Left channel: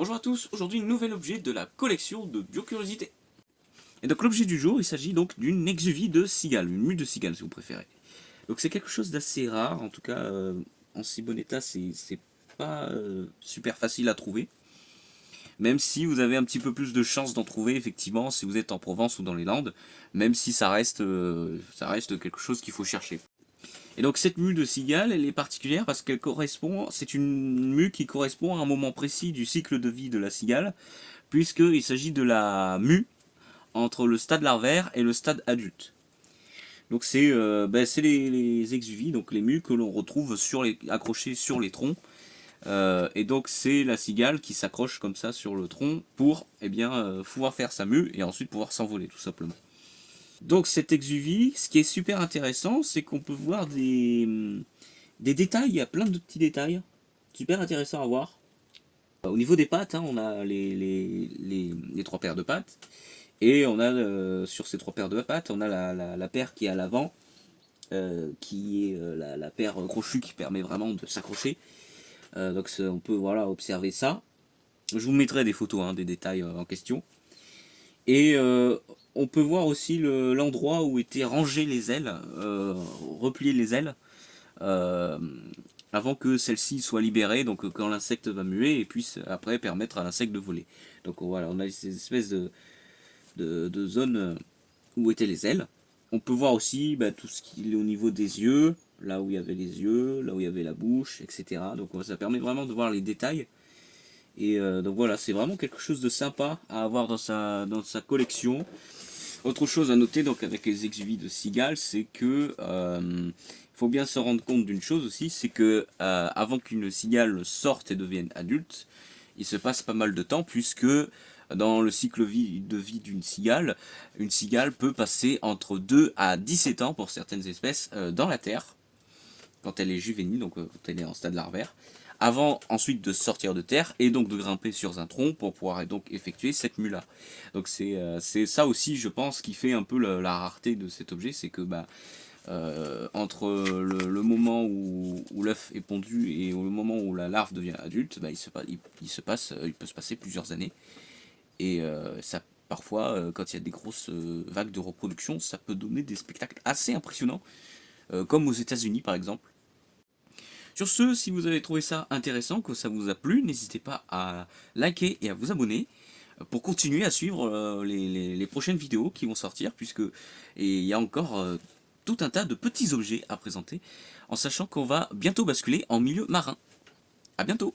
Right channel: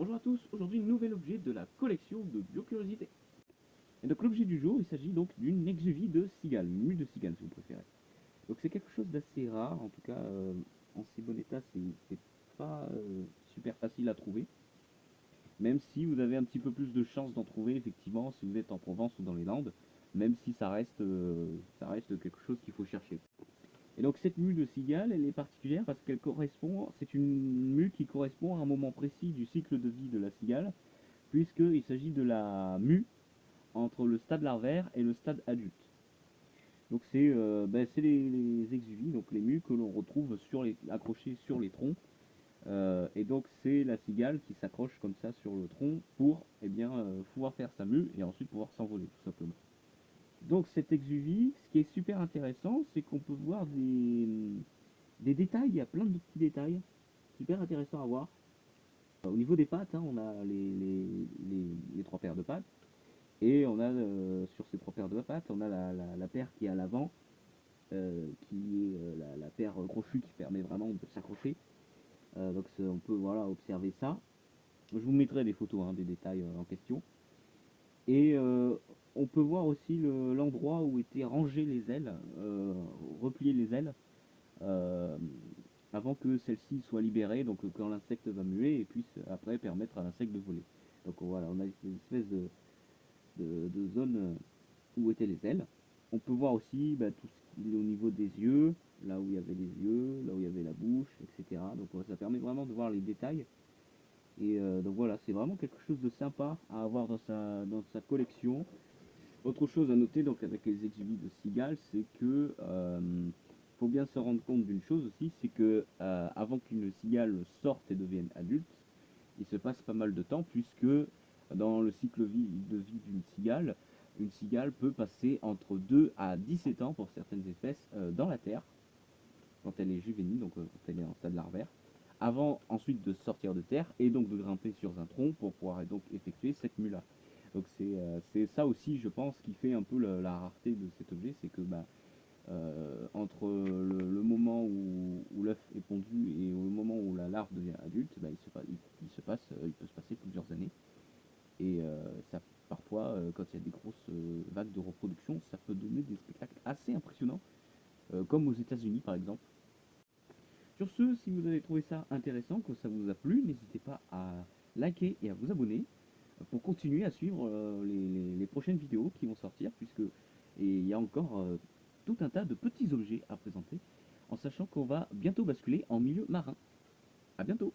Bonjour à tous, aujourd'hui nouvel objet de la collection de Biocuriosité. Et donc l'objet du jour, il s'agit donc d'une exuvie de cigale, une mue de cigale si vous préférez. Donc c'est quelque chose d'assez rare, en tout cas en si bon état c'est pas super facile à trouver. Même si vous avez un petit peu plus de chance d'en trouver effectivement si vous êtes en Provence ou dans les Landes, même si ça reste quelque chose qu'il faut chercher. Et donc cette mue de cigale, elle est particulière parce qu'elle correspond, c'est une mue qui correspond à un moment précis du cycle de vie de la cigale, puisqu'il s'agit de la mue entre le stade larvaire et le stade adulte. Donc c'est les exuvies, donc les mues que l'on retrouve accrochées sur les troncs. Et donc c'est la cigale qui s'accroche comme ça sur le tronc pour pouvoir faire sa mue et ensuite pouvoir s'envoler tout simplement. Donc cette exuvie, ce qui est super intéressant, c'est qu'on peut voir des détails, il y a plein de petits détails, super intéressant à voir. Au niveau des pattes, hein, on a les trois paires de pattes, et on a sur ces trois paires de pattes, on a la paire qui est à l'avant, qui est la paire crochue qui permet vraiment de s'accrocher. Donc on peut voilà, observer ça. Je vous mettrai des photos hein, des détails en question. Et on peut voir aussi l'endroit où étaient rangées les ailes, repliées les ailes, euh, avant que celle-ci soit libérée, donc quand l'insecte va muer et puisse après permettre à l'insecte de voler. Donc voilà, on a ces espèces de zones où étaient les ailes. On peut voir aussi tout ce qui est au niveau des yeux, là où il y avait les yeux, là où il y avait la bouche, etc. Donc ça permet vraiment de voir les détails. Et donc voilà, c'est vraiment quelque chose de sympa à avoir dans sa collection. Autre chose à noter donc avec les exuvies de cigale, c'est que faut bien se rendre compte d'une chose aussi, c'est que avant qu'une cigale sorte et devienne adulte, il se passe pas mal de temps puisque dans le cycle de vie d'une cigale, une cigale peut passer entre 2 à 17 ans pour certaines espèces dans la terre quand elle est juvénile, donc quand elle est en stade larvaire, avant ensuite de sortir de terre et donc de grimper sur un tronc pour pouvoir donc effectuer cette mue là. Donc c'est ça aussi je pense qui fait un peu la rareté de cet objet, c'est que entre le moment où l'œuf est pondu et le moment où la larve devient adulte, il peut se passer plusieurs années. Et ça, parfois, quand il y a des grosses vagues de reproduction, ça peut donner des spectacles assez impressionnants, comme aux États-Unis par exemple. Sur ce, si vous avez trouvé ça intéressant, que ça vous a plu, n'hésitez pas à liker et à vous abonner pour continuer à suivre les prochaines vidéos qui vont sortir, puisque il y a encore tout un tas de petits objets à présenter, en sachant qu'on va bientôt basculer en milieu marin. A bientôt!